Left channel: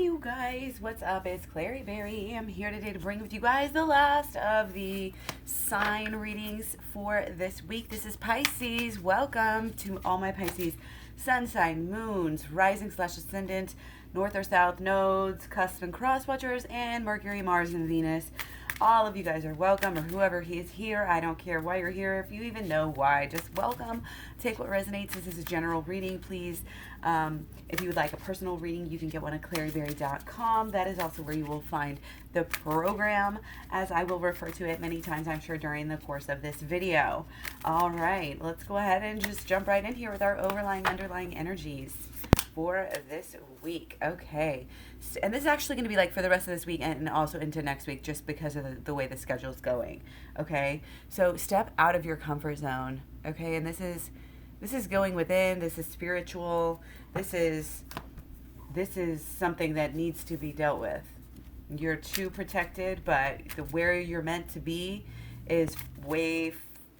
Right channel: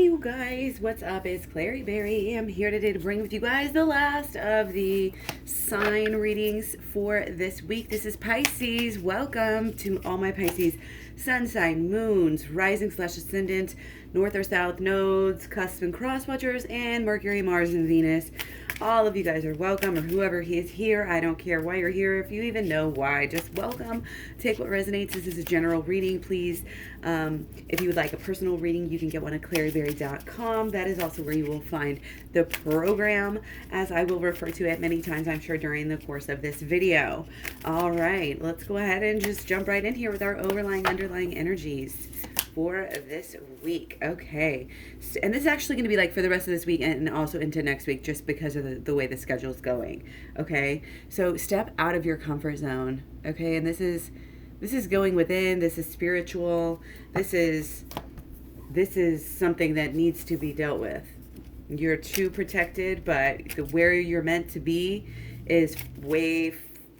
Hey you guys, what's up? It's Clary Berry. I'm here today to bring with you guys the last of the sign readings for this week. This is Pisces. Welcome to all my Pisces sun sign, moons, rising / ascendant, north or south nodes, cusp and cross watchers, and Mercury, Mars, and Venus. All of you guys are welcome, or whoever he is here. I don't care why you're here. If you even know why, just welcome. Take what resonates. This is a general reading, please. If you would like a personal reading, you can get one at claryberry.com. That is also where you will find the program, as I will refer to it many times, I'm sure, during the course of this video. All right, let's go ahead and just jump right in here with our underlying energies for this week. Okay, and this is actually going to be like for the rest of this week and also into next week, just because of the way the schedule is going. Okay, so step out of your comfort zone. Okay, and this is going within. This is spiritual. This is something that needs to be dealt with. You're too protected, but where you're meant to be is way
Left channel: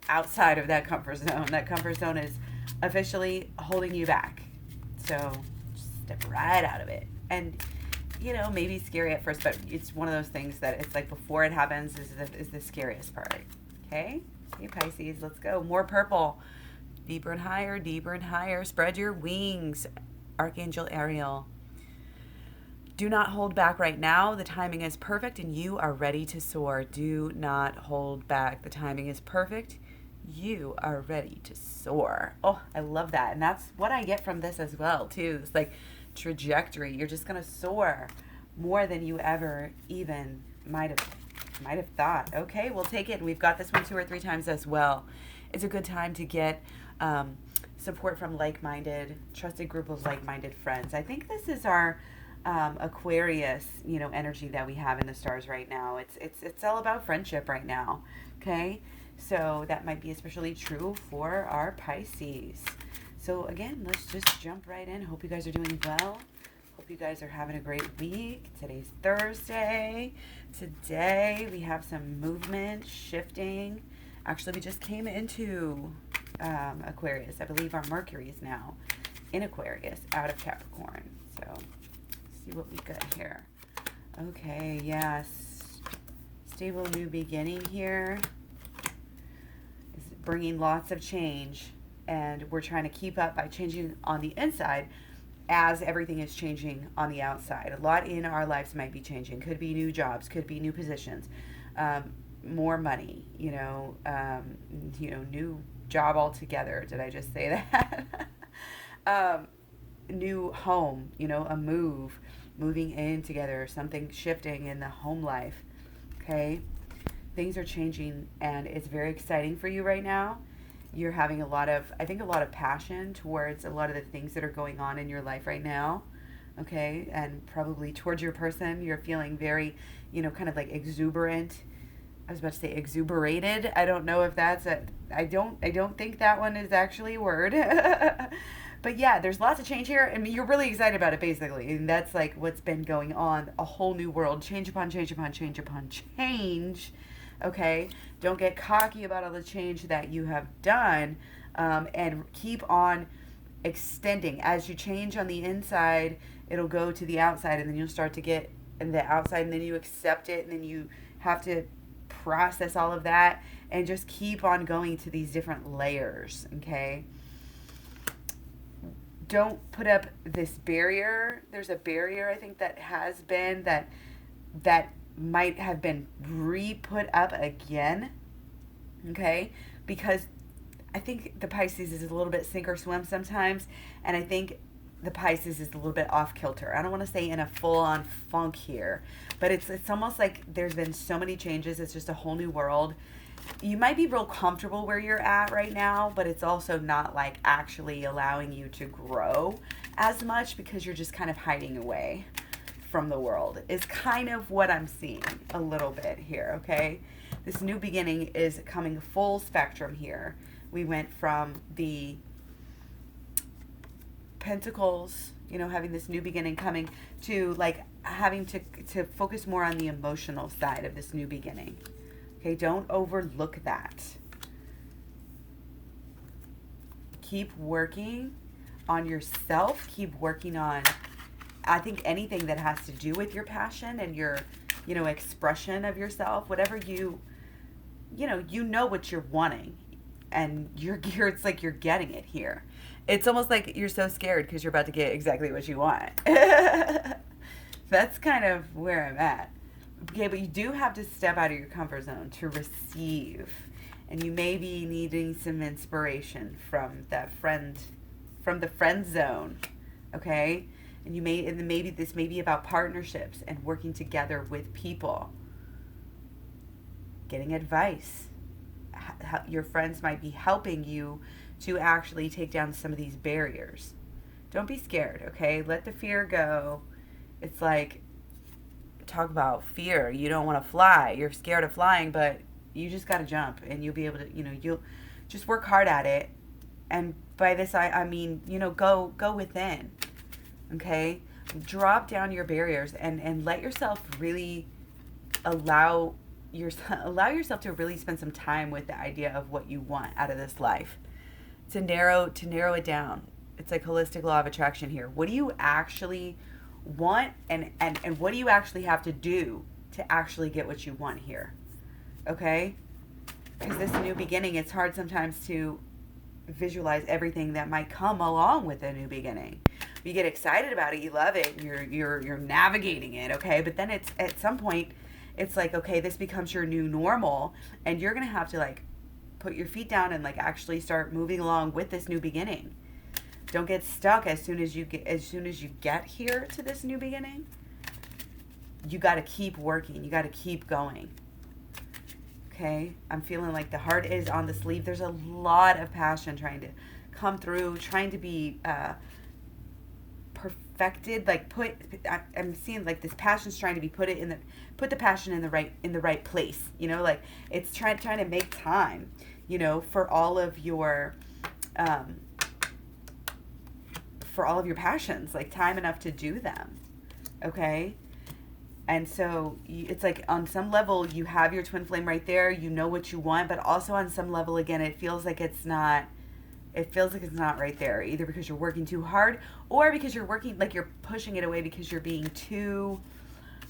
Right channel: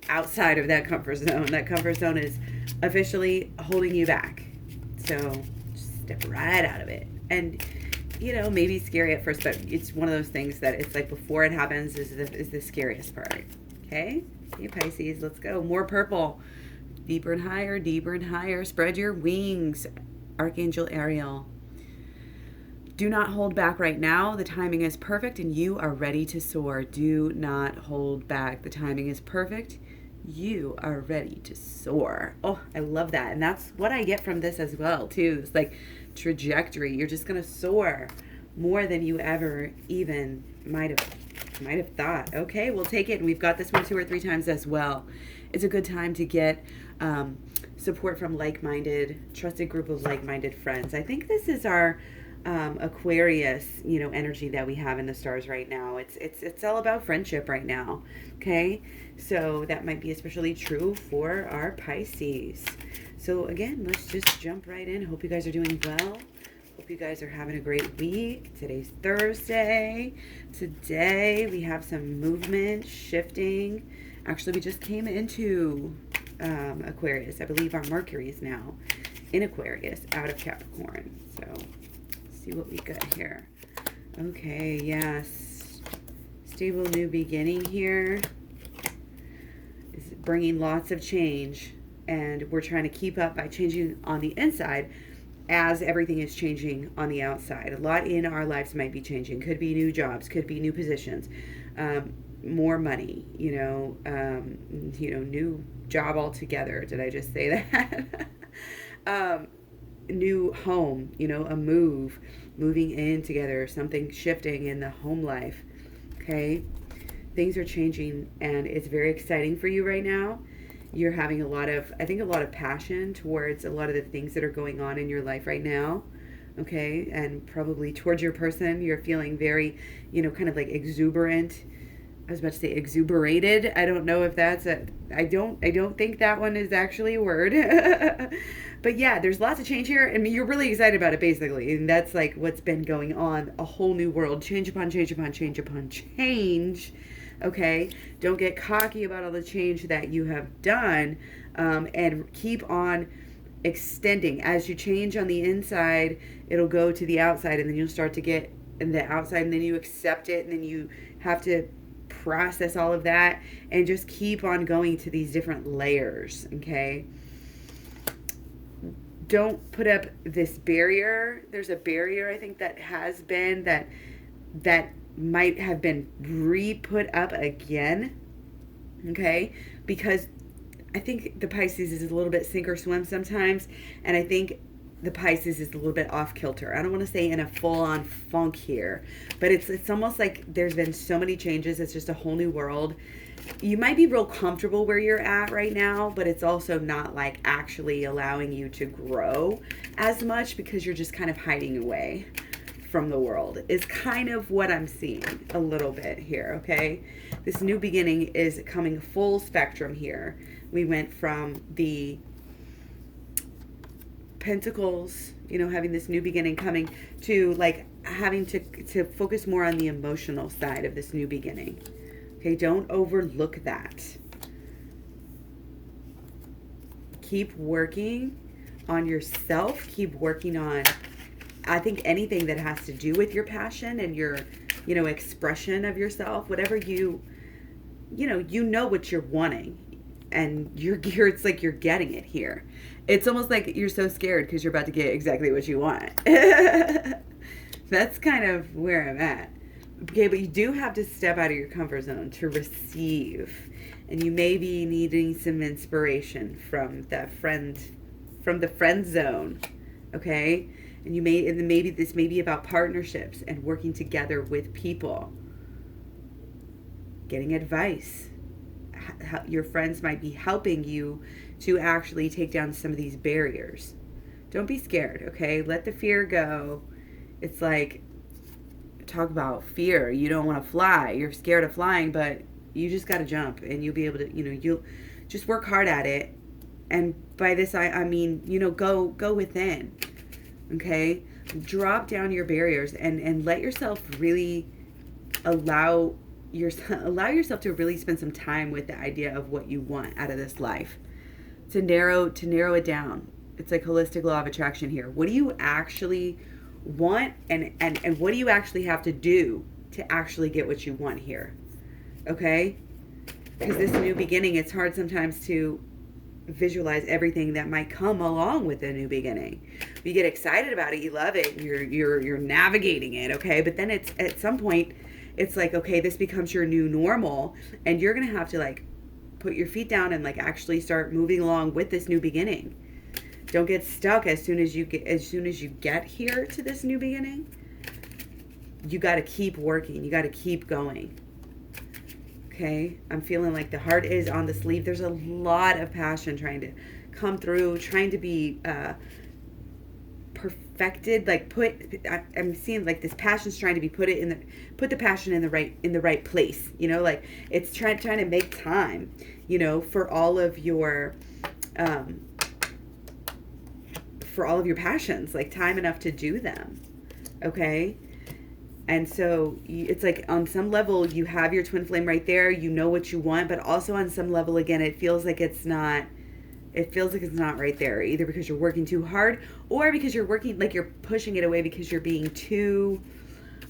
outside of that comfort zone. That comfort zone is officially holding you back. So just step right out of it. And, you know, maybe scary at first, but it's one of those things that it's like before it happens is the scariest part. Okay? You Pisces, let's go. More purple. Deeper and higher, deeper and higher. Spread your wings. Archangel Ariel. Do not hold back right now. The timing is perfect and you are ready to soar. Do not hold back. The timing is perfect. You are ready to soar. Oh, I love that. And that's what I get from this as well, too. It's like trajectory. You're just going to soar more than you ever even might have thought. Okay, we'll take it. And we've got this one 2 or 3 times as well. It's a good time to get support from trusted group of like-minded friends. I think this is our Aquarius, energy that we have in the stars right now. It's all about friendship right now. Okay, so that might be especially true for our Pisces. So again, let's just jump right in. Hope you guys are doing well. Hope you guys are having a great week. Today's Thursday. Today we have some movement, shifting. Actually, we just came into Aquarius. I believe our Mercury is now in Aquarius, out of Capricorn. So let's see what we got here. Okay, yes. Stable new beginning here is bringing lots of change, and we're trying to keep up by changing on the inside as everything is changing on the outside. A lot in our lives might be changing. Could be new jobs, could be new positions, more money, new job altogether. Did I just say that? New home, a moving in together, something shifting in the home life. Okay, things are changing and it's very exciting for you right now. You're having a lot of passion towards a lot of the things that are going on in your life right now. Okay, and probably towards your person, you're feeling very, kind of like exuberant. I was about to say exuberated. I don't know if that's I don't think that one is actually a word. But yeah, there's lots of change here, and you're really excited about it, basically. And that's like what's been going on. A whole new world. Change upon change upon change upon change. Okay? Don't get cocky about all the change that you have done, and keep on extending. As you change on the inside, it'll go to the outside, and then you'll start to get in the outside, and then you accept it, and then you have to process all of that, and just keep on going to these different layers. Okay? Don't put up this barrier. There's a barrier, I think, that has been that might have been re-put up again. Okay? Because I think the Pisces is a little bit sink or swim sometimes, and I think the Pisces is a little bit off kilter. I don't want to say in a full-on funk here, but it's almost like there's been so many changes. It's just a whole new world. You might be real comfortable where you're at right now, but it's also not like actually allowing you to grow as much because you're just kind of hiding away from the world is kind of what I'm seeing a little bit here. Okay, this new beginning is coming full spectrum here. We went from the Pentacles, having this new beginning coming to like having to focus more on the emotional side of this new beginning. Okay, don't overlook that. Keep working on yourself. Keep working on I think anything that has to do with your passion and your, expression of yourself, whatever you know what you're wanting, and you're it's like you're getting it here. It's almost like you're so scared because you're about to get exactly what you want. That's kind of where I'm at. Okay, but you do have to step out of your comfort zone to receive. And you may be needing some inspiration from the friend zone. Okay? And maybe this may be about partnerships and working together with people. Getting advice. Your friends might be helping you to actually take down some of these barriers. Don't be scared, okay? Let the fear go. It's like, talk about fear. You don't want to fly. You're scared of flying, but you just got to jump, and you'll be able to, you'll just work hard at it. And by this, I mean, go within, okay? Drop down your barriers and let yourself really allow yourself to really spend some time with the idea of what you want out of this life, to narrow it down. It's like holistic law of attraction here. What do you actually want, and what do you actually have to do to actually get what you want here? Okay? Because this new beginning, it's hard sometimes to visualize everything that might come along with a new beginning. You get excited about it, you love it, you're navigating it, okay? But then it's at some point, it's like, okay, this becomes your new normal, and you're gonna have to like put your feet down and like actually start moving along with this new beginning. Don't get stuck as soon as you get here to this new beginning. You got to keep working. You got to keep going. Okay? I'm feeling like the heart is on the sleeve. There's a lot of passion trying to come through, trying to be perfected. Like I'm seeing like this passion's trying to be put the passion in the right place. Like it's trying to make time, for all of your passions, like time enough to do them. Okay? And so it's like on some level you have your twin flame right there, you know what you want, but also on some level, again, it feels like it's not right there, either because you're working too hard or because you're working, like you're pushing it away because you're being too,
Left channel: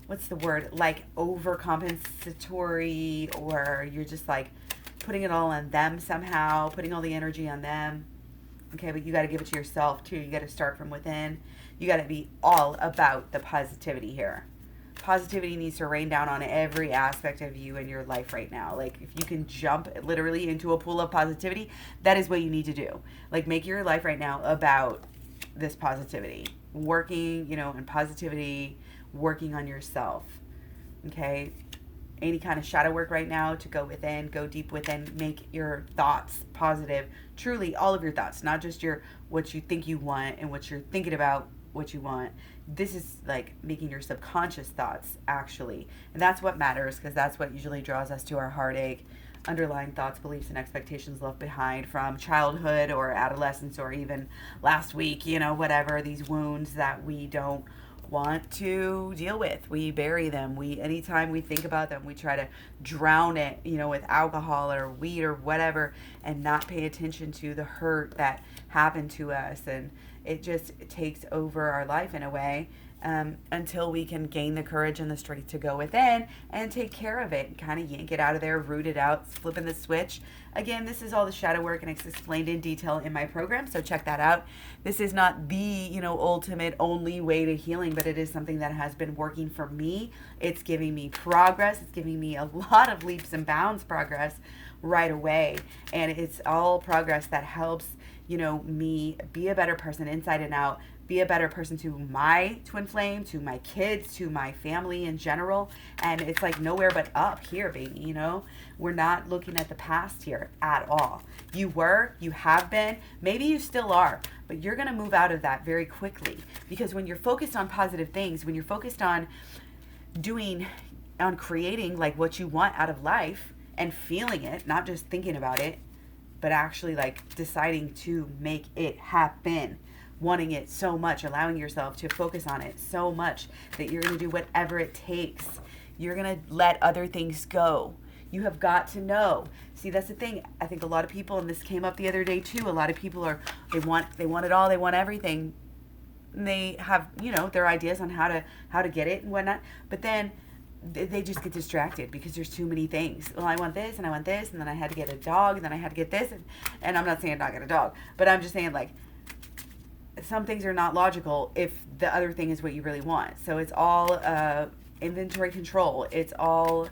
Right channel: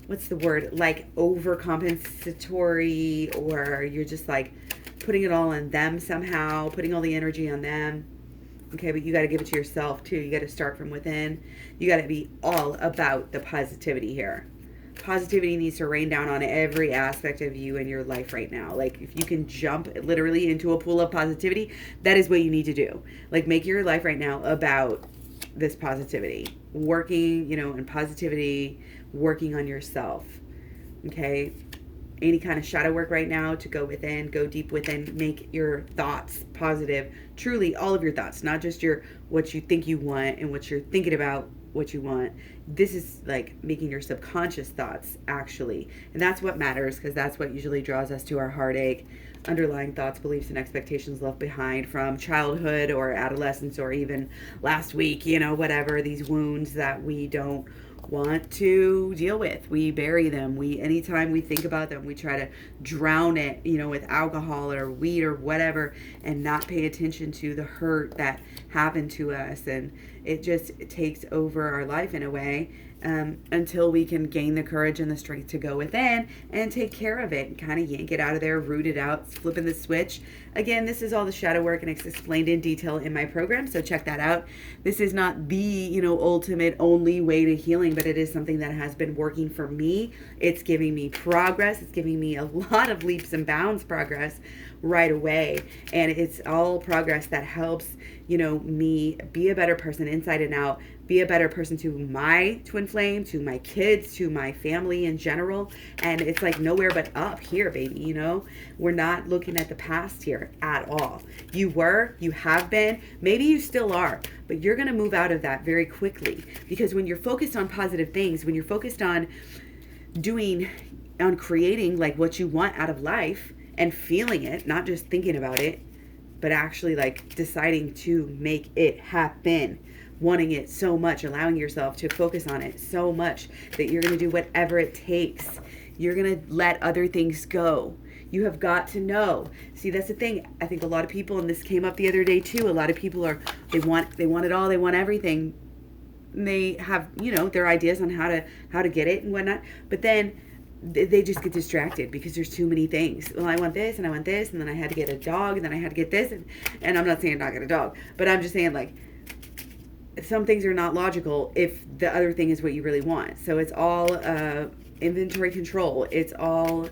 what's the word, like overcompensatory, or you're just like putting it all on them somehow, putting all the energy on them. Okay, but you got to give it to yourself too. You got to start from within. You got to be all about the positivity here. Positivity needs to rain down on every aspect of you in your life right now. Like if you can jump literally into a pool of positivity, that is what you need to do. Like make your life right now about this positivity. Working, in positivity, working on yourself. Okay? Any kind of shadow work right now to go within, go deep within, make your thoughts positive. Truly all of your thoughts, not just what you think you want and what you're thinking about what you want. This is like making your subconscious thoughts actually. And that's what matters, because that's what usually draws us to our heartache. Underlying thoughts, beliefs, and expectations left behind from childhood or adolescence or even last week, whatever, these wounds that we don't want to deal with. We bury them. Anytime we think about them, we try to drown it, with alcohol or weed or whatever, and not pay attention to the hurt that happened to us. And it just takes over our life in a way, until we can gain the courage and the strength to go within and take care of it and kind of yank it out of there, root it out, flipping the switch. Again, this is all the shadow work, and it's explained in detail in my program, so check that out. This is not the, ultimate only way to healing, but it is something that has been working for me. It's giving me progress. It's giving me a lot of leaps and bounds progress right away, and it's all progress that helps, me be a better person inside and out, be a better person to my twin flame, to my kids, to my family in general. And it's like nowhere but up here, baby. We're not looking at the past here at all. You have been, maybe you still are, but you're going to move out of that very quickly, because when you're focused on positive things, when you're focused on creating like what you want out of life and feeling it, not just thinking about it, but actually like deciding to make it happen, wanting it so much, allowing yourself to focus on it so much that you're going to do whatever it takes. You're going to let other things go. You have got to know. See, that's the thing. I think a lot of people, and this came up the other day too, a lot of people they want it all, they want everything, and they have, their ideas on how to get it and whatnot. But then they just get distracted because there's too many things. Well, I want this and I want this, and then I had to get a dog, and then I had to get this, and I'm not saying not get a dog, but I'm just saying, like, some things are not logical if the other thing is what you really want. So it's all inventory control. It's all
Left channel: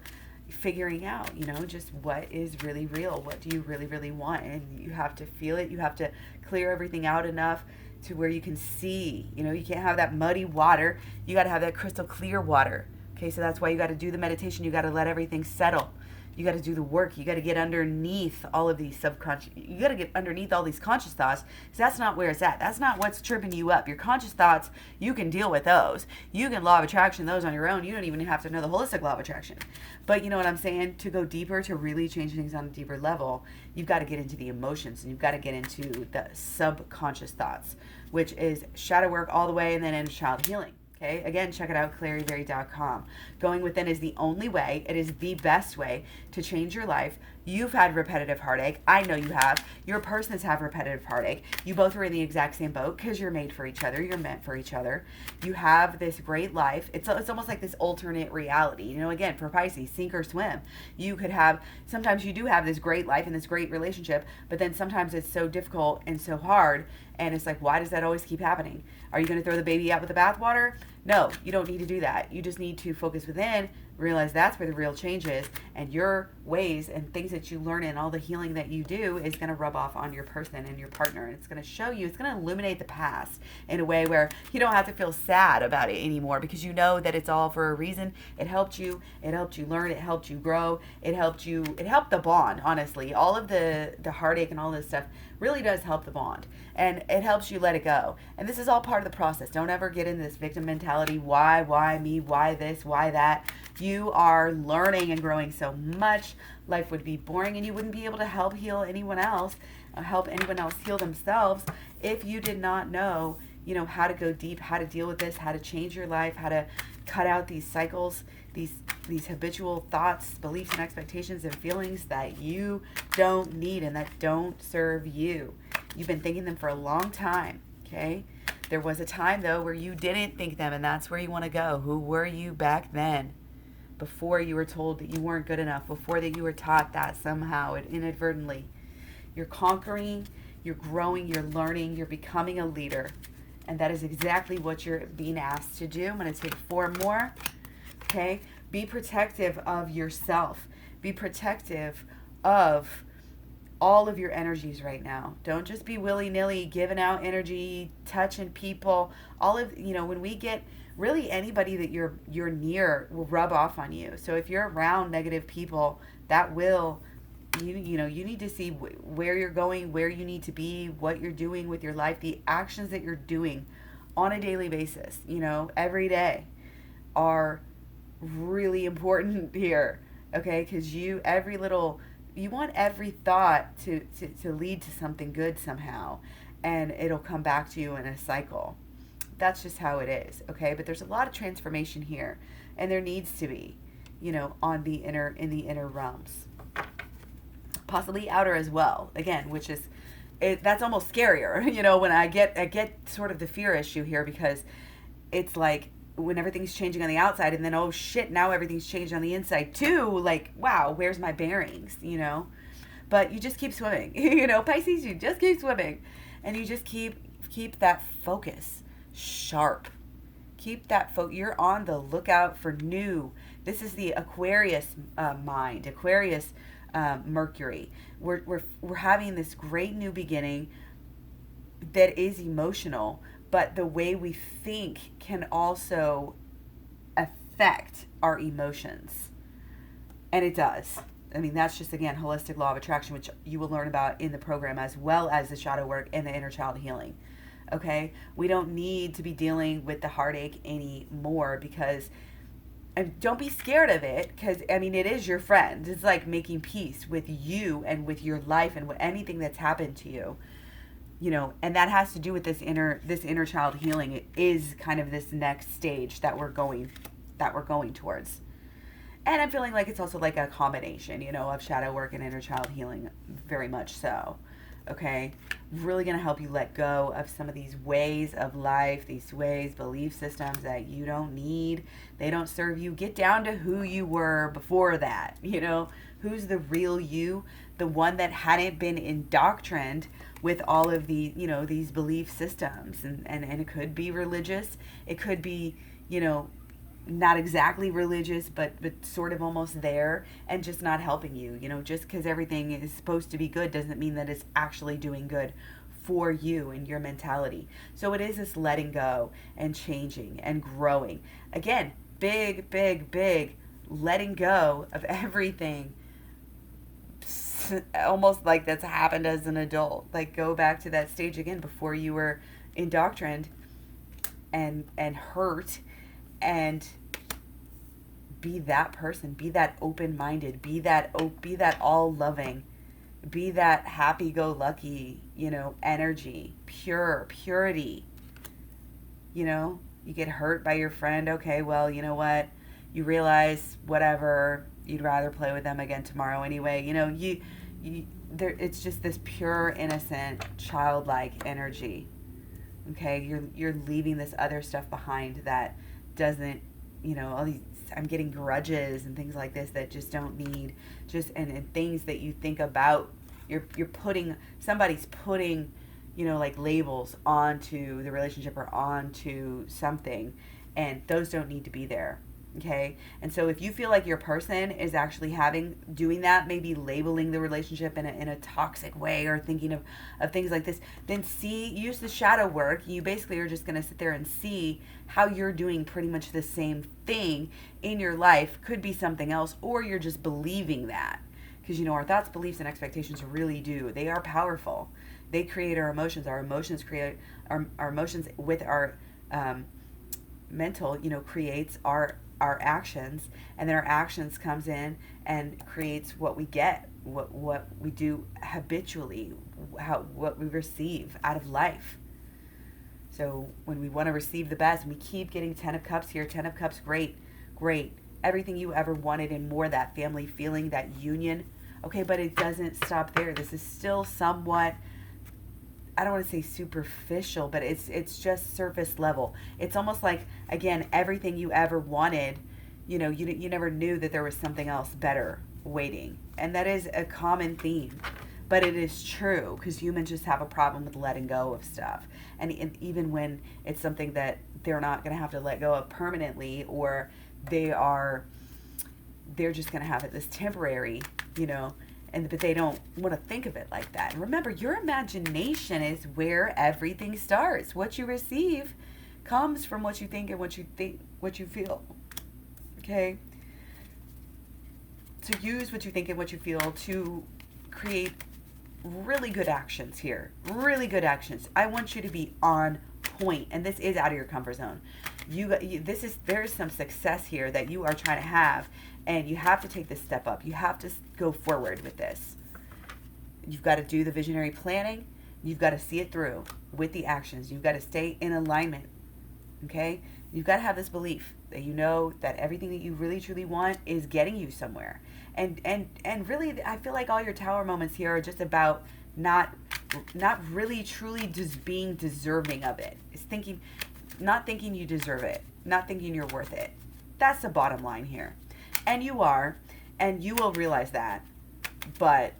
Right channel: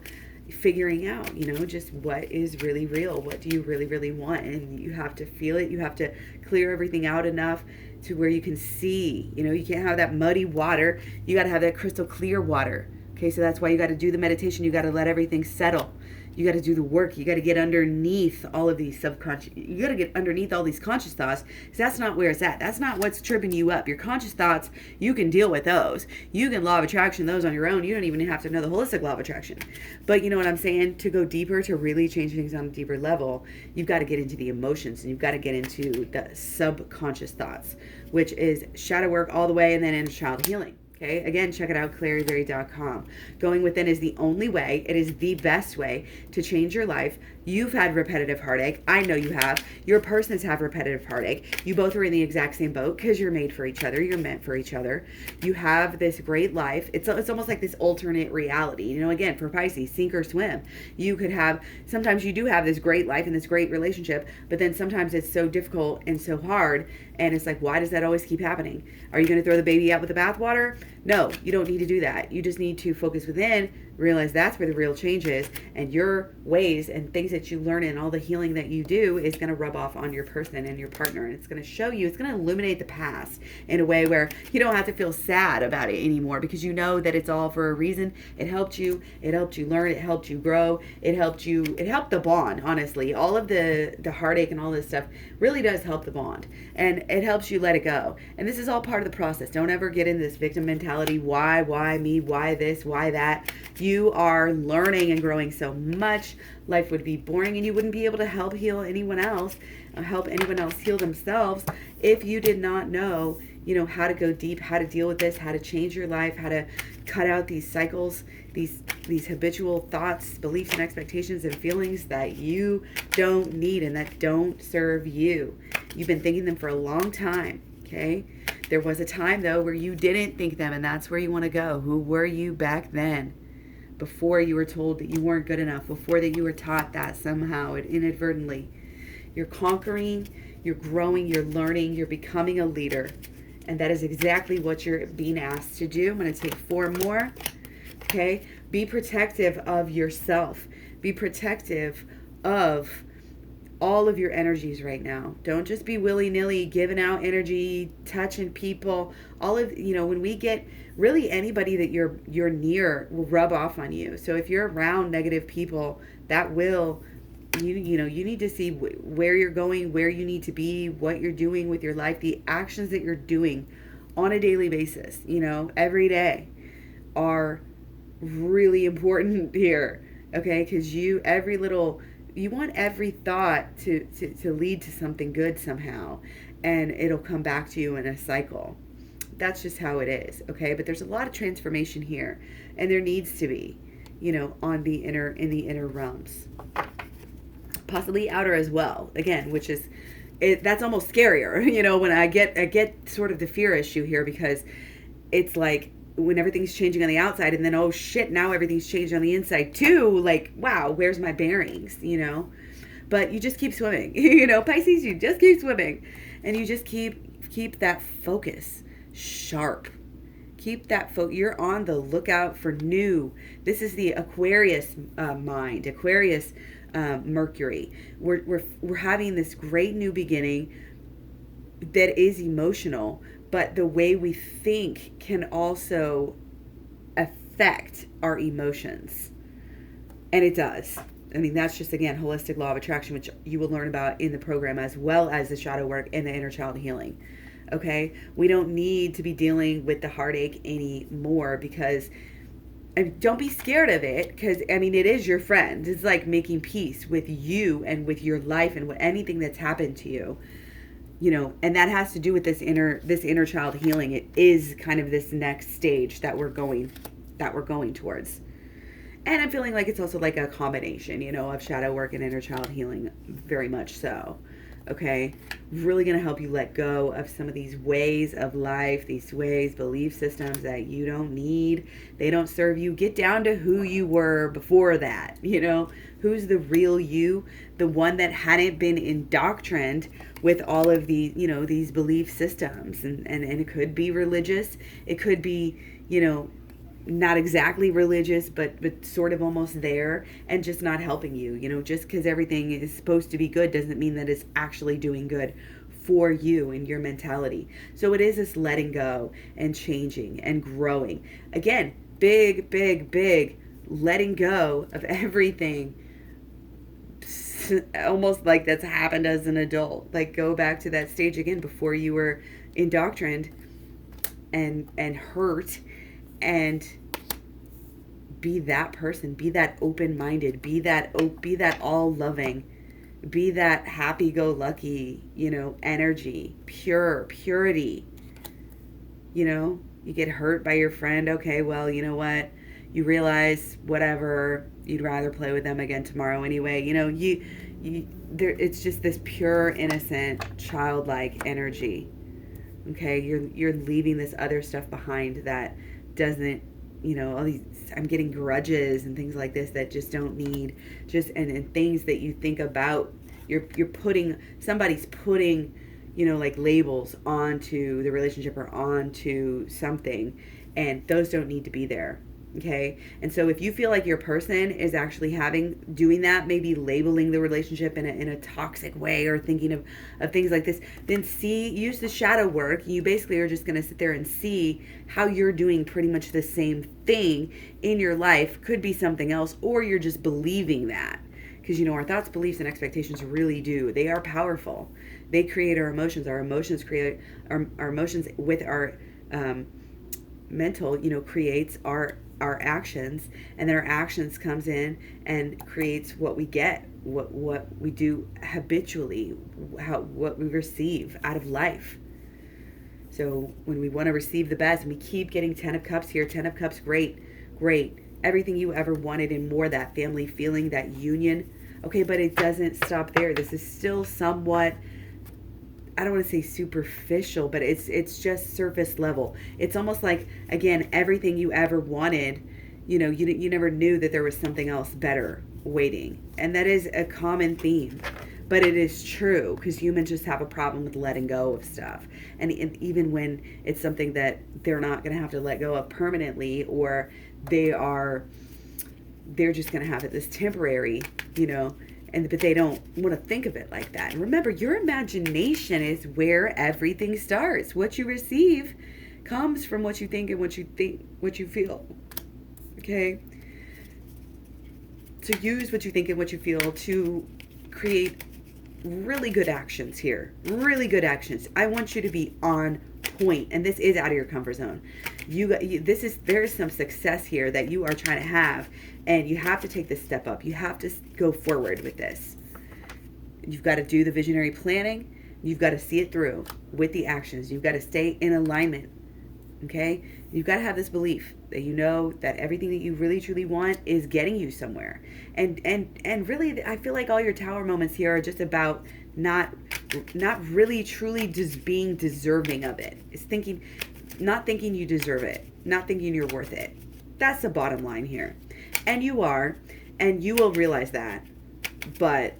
figuring out, just what is really real. What do you really, really want? And you have to feel it. You have to clear everything out enough to where you can see. You can't have that muddy water. You got to have that crystal clear water. Okay, so that's why you got to do the meditation. You got to let everything settle. You got to do the work. You got to get underneath all of these subconscious. You got to get underneath all these conscious thoughts, because that's not where it's at. That's not what's tripping you up. Your conscious thoughts, you can deal with those. You can law of attraction those on your own. You don't even have to know the holistic law of attraction. But you know what I'm saying? To go deeper, to really change things on a deeper level, you've got to get into the emotions, and you've got to get into the subconscious thoughts, which is shadow work all the way, and then inner child healing. Okay, again, check it out, claryberry.com. Going within is the only way. It is the best way to change your life. You've had repetitive heartache. I know you have. Your persons have repetitive heartache. You both are in the exact same boat because you're made for each other. You're meant for each other. You have this great life. It's almost like this alternate reality. Again, for Pisces, sink or swim. You could have, sometimes you do have this great life and this great relationship, but then sometimes it's so difficult and so hard. And it's like, why does that always keep happening? Are you going to throw the baby out with the bathwater? No, you don't need to do that. You just need to focus within, realize that's where the real change is, and your ways and things that you learn and all the healing that you do is going to rub off on your person and your partner. And it's going to show you, it's going to illuminate the past in a way where you don't have to feel sad about it anymore, because you know that it's all for a reason. It helped you learn, it helped you grow, it helped the bond, honestly. All of the heartache and all this stuff really does help the bond, and it helps you let it go. And this is all part of the process. Don't ever get in this victim mentality. Why me? Why this? Why that? You are learning and growing so much. Life would be boring, and you wouldn't be able to help heal anyone else, help anyone else heal themselves, if you did not know, how to go deep, how to deal with this, how to change your life, how to cut out these cycles, these habitual thoughts, beliefs, and expectations and feelings that you don't need and that don't serve you. You've been thinking them for a long time, okay? There was a time, though, where you didn't think them, and that's where you want to go. Who were you back then? Before you were told that you weren't good enough, before that you were taught that somehow inadvertently. You're conquering, you're growing, you're learning, you're becoming a leader. And that is exactly what you're being asked to do. I'm going to take 4 more. Okay? Be protective of yourself. Be protective of all of your energies right now. Don't just be willy-nilly giving out energy, touching people. All of, when we get, really anybody that you're near will rub off on you. So if you're around negative people, that will, you need to see where you're going, where you need to be, what you're doing with your life, the actions that you're doing on a daily basis, every day, are really important here. Okay? Because you want every thought to lead to something good somehow, and it'll come back to you in a cycle. That's just how it is, okay? But there's a lot of transformation here, and there needs to be, in the inner realms, possibly outer as well. Again, which is, that's almost scarier, when I get sort of the fear issue here, because it's like when everything's changing on the outside, and then, oh shit, now everything's changed on the inside too. Like, wow, where's my bearings? But you just keep swimming, Pisces, you just keep swimming, and you just keep that focus sharp. Keep that you're on the lookout for new. This is the Aquarius mind, Aquarius Mercury. We're having this great new beginning that is emotional, but the way we think can also affect our emotions. And it does. I mean, that's just, again, holistic law of attraction, which you will learn about in the program, as well as the shadow work and the inner child healing. Okay? We don't need to be dealing with the heartache anymore, because, and don't be scared of it, because, I mean, it is your friend. It's like making peace with you and with your life and with anything that's happened to you. And that has to do with this inner child healing. It is kind of this next stage that we're going towards. And I'm feeling like it's also like a combination, of shadow work and inner child healing, very much so. okay? Really going to help you let go of some of these ways of life, these ways, belief systems that you don't need. They don't serve you. Get down to who you were before that, you know? Who's the real you? The one that hadn't been indoctrined with all of these, you know, these belief systems. And it could be religious. It could be, you know, not exactly religious, but sort of almost there, and just not helping you. You know, just because everything is supposed to be good doesn't mean that it's actually doing good for you and your mentality. So it is this letting go and changing and growing. Again, big letting go of everything, almost like that's happened as an adult. Like, go back to that stage again before you were indoctrined and hurt, and be that person, be that open-minded, be that all-loving, be that happy-go-lucky, you know, energy, purity. You know, you get hurt by your friend, okay, well, you know what, you realize whatever, you'd rather play with them again tomorrow anyway. You know, you there, it's just this pure, innocent, childlike energy. Okay, you're leaving this other stuff behind that doesn't, you know, all these, I'm getting grudges and things like this that just don't need, just and things that you think about, you're putting, somebody's putting, you know, like labels onto the relationship or onto something, and those don't need to be there. Okay, and so if you feel like your person is actually doing that, maybe labeling the relationship in a toxic way, or thinking of things like this, then use the shadow work. You basically are just going to sit there and see how you're doing pretty much the same thing in your life. Could be something else, or you're just believing that. Because, you know, our thoughts, beliefs, and expectations really do. They are powerful. They create our emotions. Our emotions create our emotions with our mental, you know, creates our actions, and then our actions comes in and creates what we get, what we do habitually, what we receive out of life. So when we want to receive the best, and we keep getting 10 of Cups here, 10 of Cups, great, everything you ever wanted and more, that family feeling, that union. Okay, but it doesn't stop there. This is still somewhat, I don't want to say superficial, but it's just surface level. It's almost like, again, everything you ever wanted, you know, you never knew that there was something else better waiting. And that is a common theme, but it is true, because humans just have a problem with letting go of stuff. And even when it's something that they're not going to have to let go of permanently, or they're just going to have it this temporary, you know, but they don't want to think of it like that. And remember, your imagination is where everything starts. What you receive comes from what you think and what you feel. Okay? So use what you think and what you feel to create really good actions here. Really good actions. I want you to be on point, and this is out of your comfort zone. There is some success here that you are trying to have, and you have to take this step up. You have to go forward with this. You've got to do the visionary planning. You've got to see it through with the actions. You've got to stay in alignment. Okay? You've got to have this belief that you know that everything that you really truly want is getting you somewhere. And really, I feel like all your tower moments here are just about not really truly just being deserving of it. It's not thinking you deserve it, not thinking you're worth it. That's the bottom line here. And you are, and you will realize that, but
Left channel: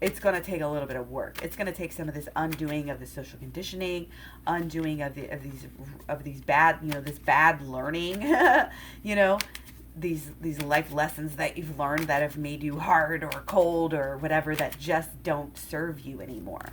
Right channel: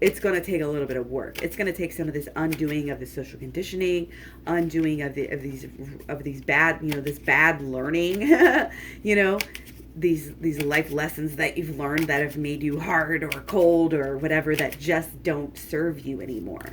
it's going to take a little bit of work. It's going to take some of this undoing of the social conditioning, undoing of these bad, you know, this bad learning, you know, these life lessons that you've learned that have made you hard or cold or whatever, that just don't serve you anymore.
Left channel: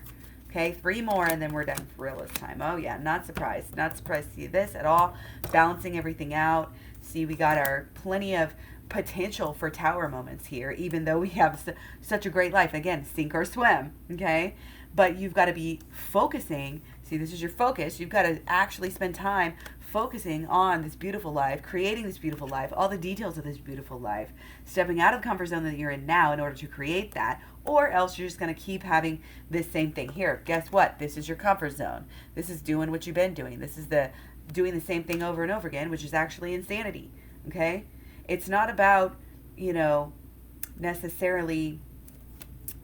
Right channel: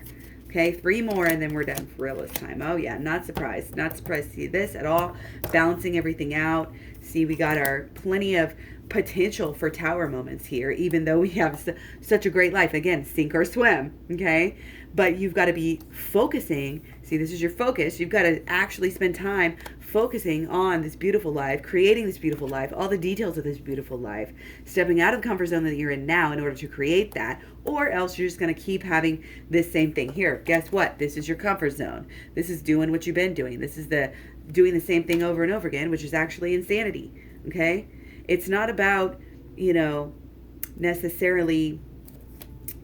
Okay, 3 more and then we're done for real this time. Oh yeah, not surprised to see this at all. Balancing everything out. See, we got our plenty of potential for tower moments here, even though we have such a great life. Again, sink or swim, okay? But you've got to be focusing. See, this is your focus. You've got to actually spend time focusing on this beautiful life, creating this beautiful life, all the details of this beautiful life, stepping out of the comfort zone that you're in now in order to create that, or else you're just going to keep having this same thing here. Guess what? This is your comfort zone. This is doing what you've been doing. This is doing the same thing over and over again, which is actually insanity, okay? It's not about, you know, necessarily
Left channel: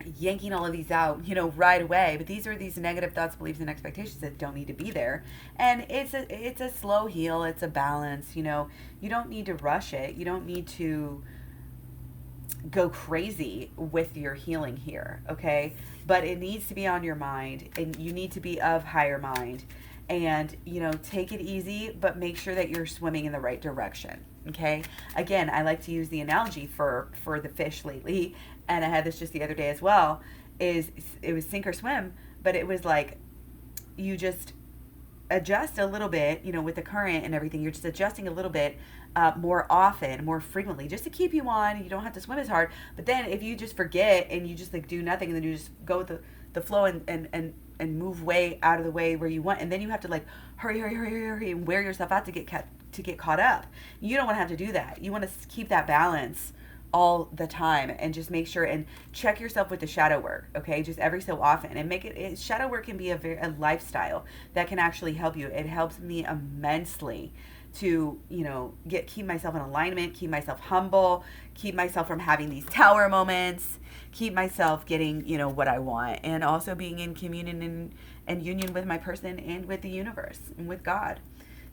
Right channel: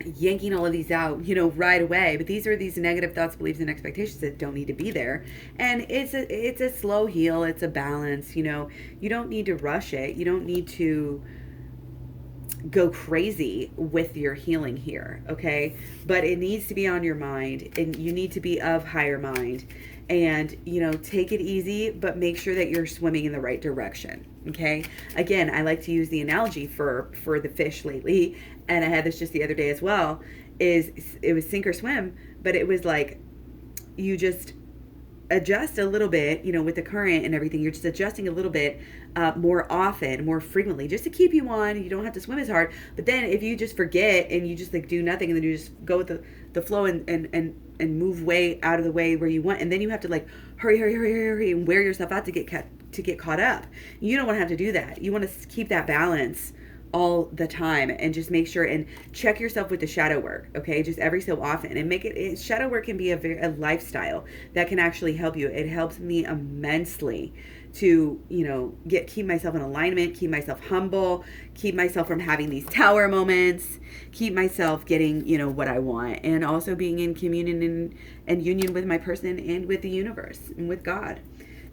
yanking all of these out, right away. But these are these negative thoughts, beliefs, and expectations that don't need to be there. And it's a slow heal. It's a balance. You don't need to rush it. You don't need to go crazy with your healing here, okay? But it needs to be on your mind, and you need to be of higher mind. And take it easy, but make sure that you're swimming in the right direction, okay? Again, I like to use the analogy for the fish lately, and I had this just the other day as well, is it was sink or swim, but it was like you just adjust a little bit, with the current and everything. You're just adjusting a little bit more often, more frequently, just to keep you on. You don't have to swim as hard. But then if you just forget and you just like do nothing, and then you just go with the flow and move way out of the way where you want, and then you have to like hurry and wear yourself out to get caught up. You don't want to have to do that. You want to keep that balance all the time, and just make sure and check yourself with the shadow work, okay? Just every so often, and make it shadow work can be a lifestyle that can actually help you. It helps me immensely to keep myself in alignment, keep myself humble, keep myself from having these tower moments, keep myself getting what I want, and also being in communion and union with my person and with the universe and with God.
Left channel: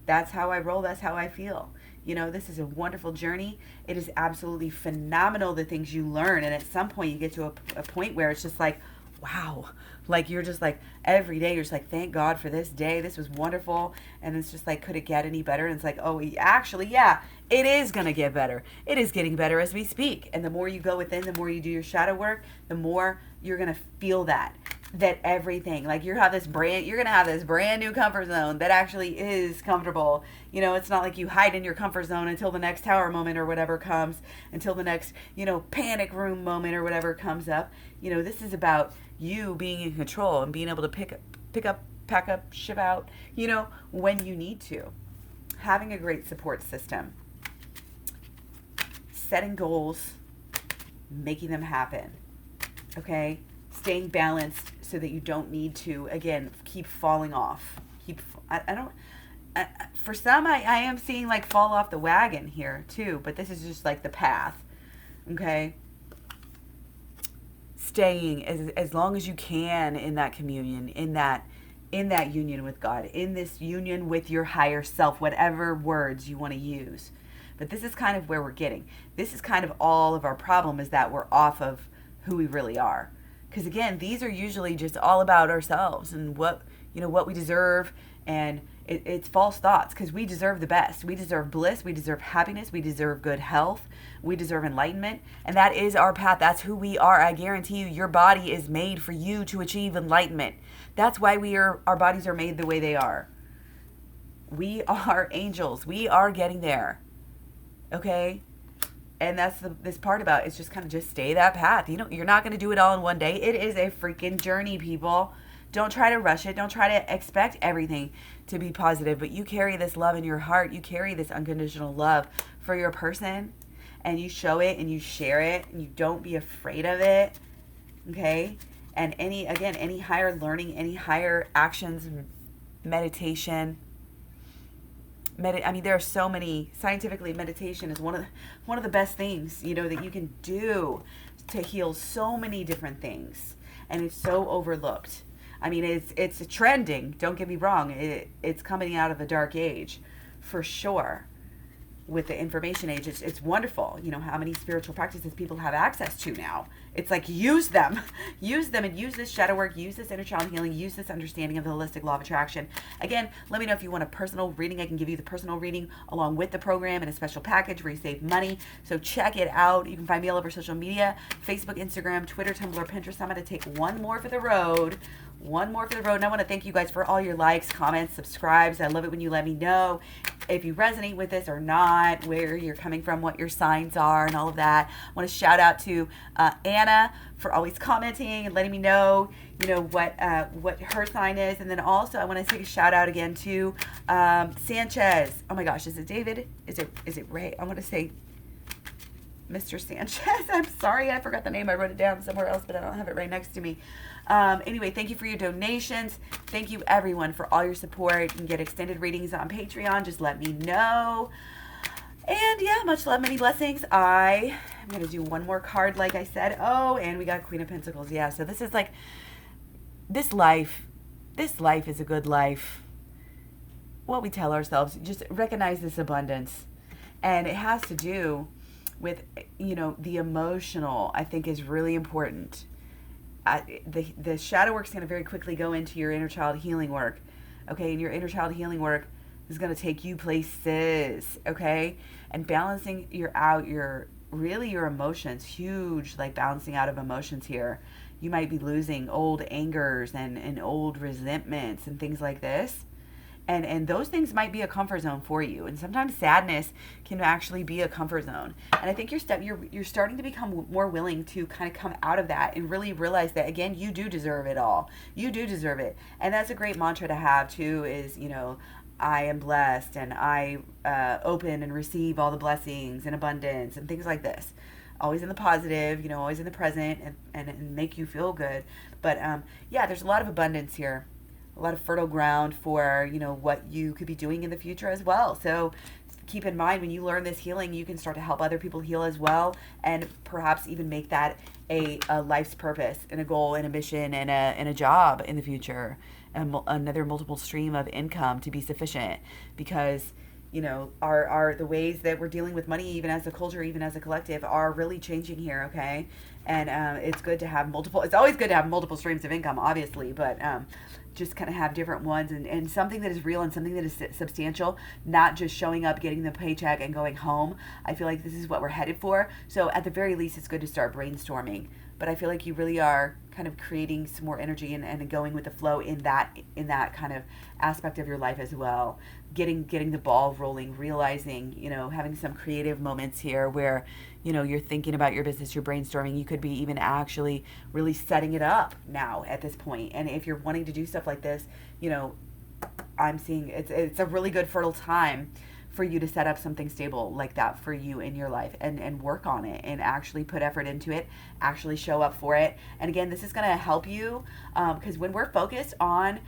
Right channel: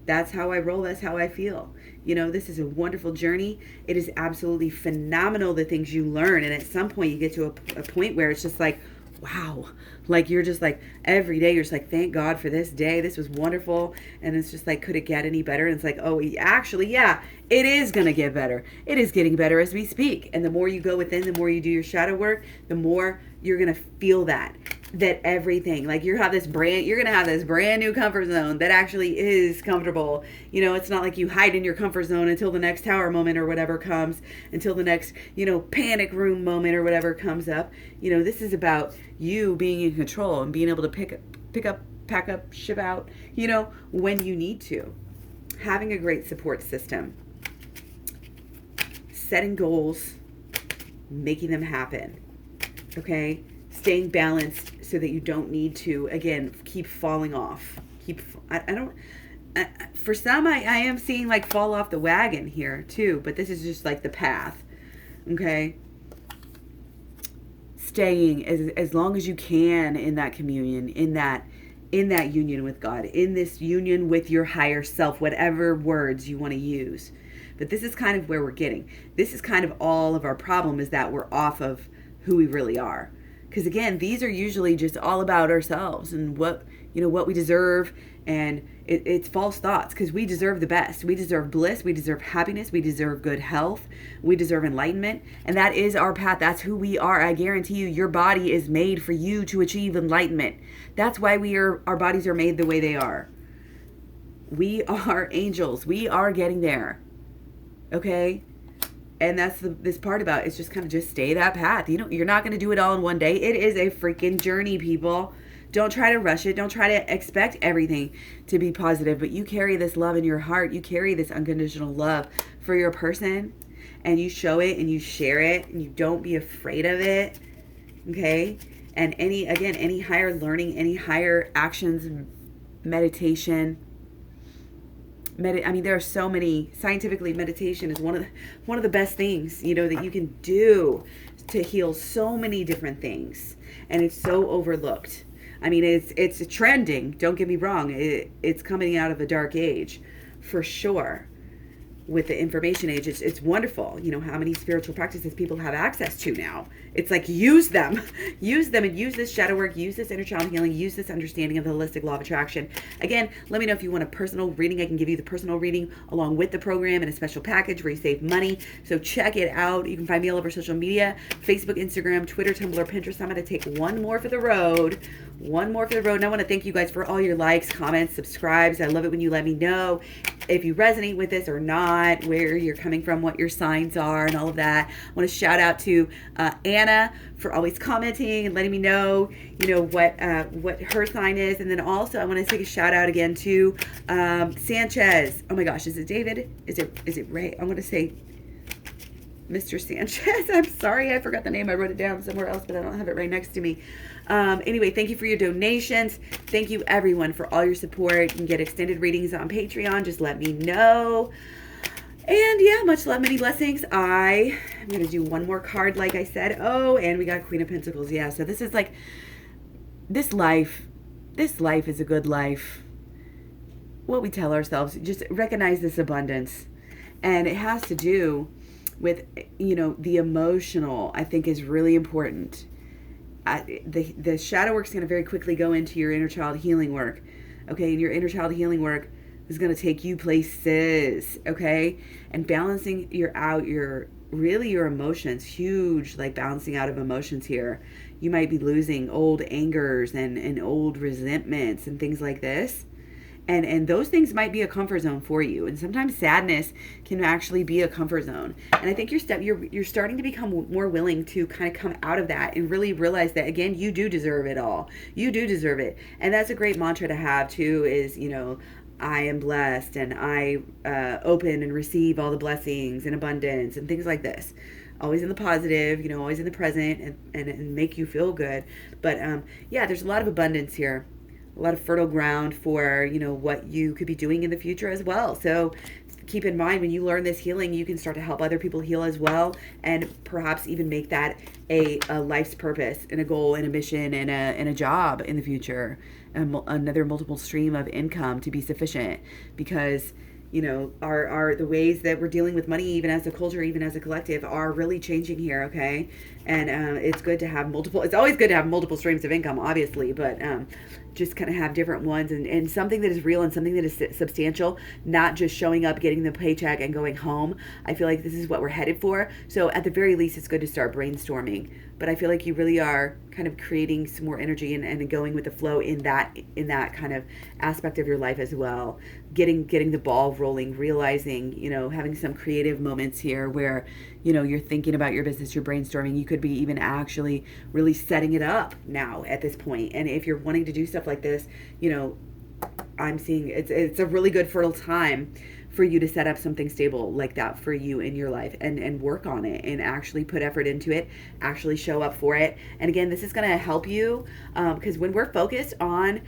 That's how I roll. That's how I feel. This is a wonderful journey. It is absolutely phenomenal, the things you learn. And at some point you get to a point where it's just like, wow. Like you're just like, every day you're just like, thank God for this day. This was wonderful. And it's just like, could it get any better? And it's like, oh, actually, yeah, it is going to get better. It is getting better as we speak. And the more you go within, the more you do your shadow work, the more you're going to feel that everything, like you're going to have this brand new comfort zone that actually is comfortable. It's not like you hide in your comfort zone until the next tower moment or whatever comes, until the next, panic room moment or whatever comes up. This is about you being in control and being able to pick up, pack up, ship out, when you need to. Having a great support system, setting goals, making them happen, okay? Staying balanced so that you don't need to, again, keep falling off. For some, I am seeing like fall off the wagon here too, but this is just like the path, okay? Staying as long as you can in that communion, in that union with God, in this union with your higher self, whatever words you want to use. But this is kind of where we're getting. This is kind of all of our problem, is that we're off of who we really are. Because again, these are usually just all about ourselves and what we deserve, and it's false thoughts, because we deserve the best. We deserve bliss, we deserve happiness, we deserve good health, we deserve enlightenment, and that is our path. That's who we are. I guarantee you, your body is made for you to achieve enlightenment. That's why our bodies are made the way they are. We are angels. We are getting there. Okay? And that's this part about, it's just kind of just stay that path. You're not going to do it all in one day. It is a freaking journey, people. Don't try to rush it. Don't try to expect everything to be positive. But you carry this love in your heart. You carry this unconditional love for your person. And you show it and you share it. And you don't be afraid of it. Okay? And any higher learning, any higher actions, meditation, there are so many. Scientifically, meditation is one of the best things that you can do to heal so many different things, and it's so overlooked. It's trending. Don't get me wrong. It's coming out of a dark age, for sure. With the information age, it's wonderful. How many spiritual practices people have access to now. It's like, use them and use this shadow work, use this inner child healing, use this understanding of the holistic law of attraction. Again, let me know if you want a personal reading. I can give you the personal reading along with the program and a special package where you save money. So check it out. You can find me all over social media, Facebook, Instagram, Twitter, Tumblr, Pinterest. I'm going to take one more for the road. And I want to thank you guys for all your likes, comments, subscribes. I love it when you let me know if you resonate with this or not, where you're coming from, what your signs are, and all of that. I want to shout out to Anna for always commenting and letting me know, what her sign is. And then also I want to take a shout out again to Sanchez. Oh my gosh, is it David? Is it Ray? I want to say Mr. Sanchez. I'm sorry, I forgot the name. I wrote it down somewhere else, but I don't have it right next to me. Anyway, thank you for your donations. Thank you, everyone, for all your support. You can get extended readings on Patreon. Just let me know. And yeah, much love, many blessings. I I'm going to do one more card, like I said. Oh, and we got Queen of Pentacles. Yeah, so this is like, this life is a good life. What we tell ourselves, just recognize this abundance. And it has to do with, you know, the emotional, I think, is really important. The shadow work is going to very quickly go into your inner child healing work. Okay, and your inner child healing work is going to take you places. Okay, and balancing your emotions, huge, like balancing out of emotions here. You might be losing old angers and old resentments and things like this. And those things might be a comfort zone for you. And sometimes sadness can actually be a comfort zone. And I think you're starting to become more willing to kind of come out of that and really realize that, again, you do deserve it all. You do deserve it. And that's a great mantra to have too, is, you know, I am blessed and I open and receive all the blessings and abundance and things like this. Always in the positive, you know, always in the present, and make you feel good. But yeah, there's a lot of abundance here. A lot of fertile ground for, you know, what you could be doing in the future as well. So keep in mind, when you learn this healing, you can start to help other people heal as well, and perhaps even make that a life's purpose and a goal and a mission and a job in the future, and another multiple stream of income to be sufficient. Because, you know, our the ways that we're dealing with money, even as a culture, even as a collective, are really changing here. Okay, and it's good to have multiple. It's always good to have multiple streams of income, obviously, but just kind of have different ones, and something that is real and something that is substantial, not just showing up, getting the paycheck, and going home. I feel like this is what we're headed for. So at the very least, it's good to start brainstorming. But I feel like you really are kind of creating some more energy and going with the flow in that kind of aspect of your life as well. Getting the ball rolling, realizing, you know, having some creative moments here where, you know, you're thinking about your business, you're brainstorming. You could be even actually really setting it up now at this point. And if you're wanting to do stuff like this, you know, I'm seeing it's a really good fertile time for you to set up something stable like that for you in your life, and work on it and actually put effort into it, actually show up for it. And again, this is going to help you because when we're focused on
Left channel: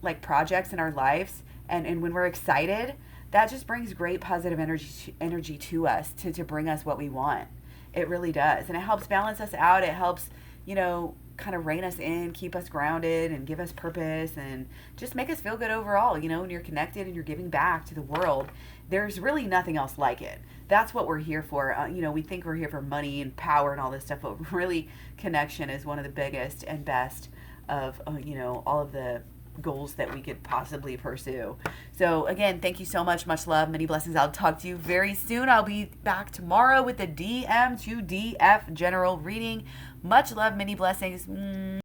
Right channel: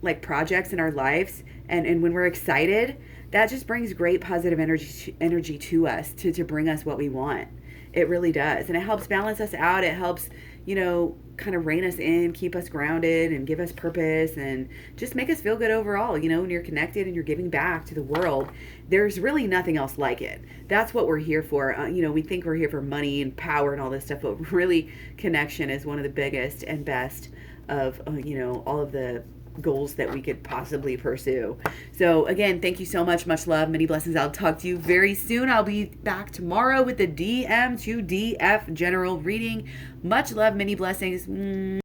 like projects in our lives, and when we're excited, that just brings great positive energy to us to bring us what we want. It really does. And it helps balance us out. It helps, you know, kind of rein us in, keep us grounded, and give us purpose, and just make us feel good overall. You know, when you're connected and you're giving back to the world, there's really nothing else like it. That's what we're here for. You know, we think we're here for money and power and all this stuff, but really connection is one of the biggest and best of, you know, all of the goals that we could possibly pursue. So again, thank you so much. Much love, many blessings. I'll talk to you very soon. I'll be back tomorrow with the DM to DF general reading. Much love, many blessings.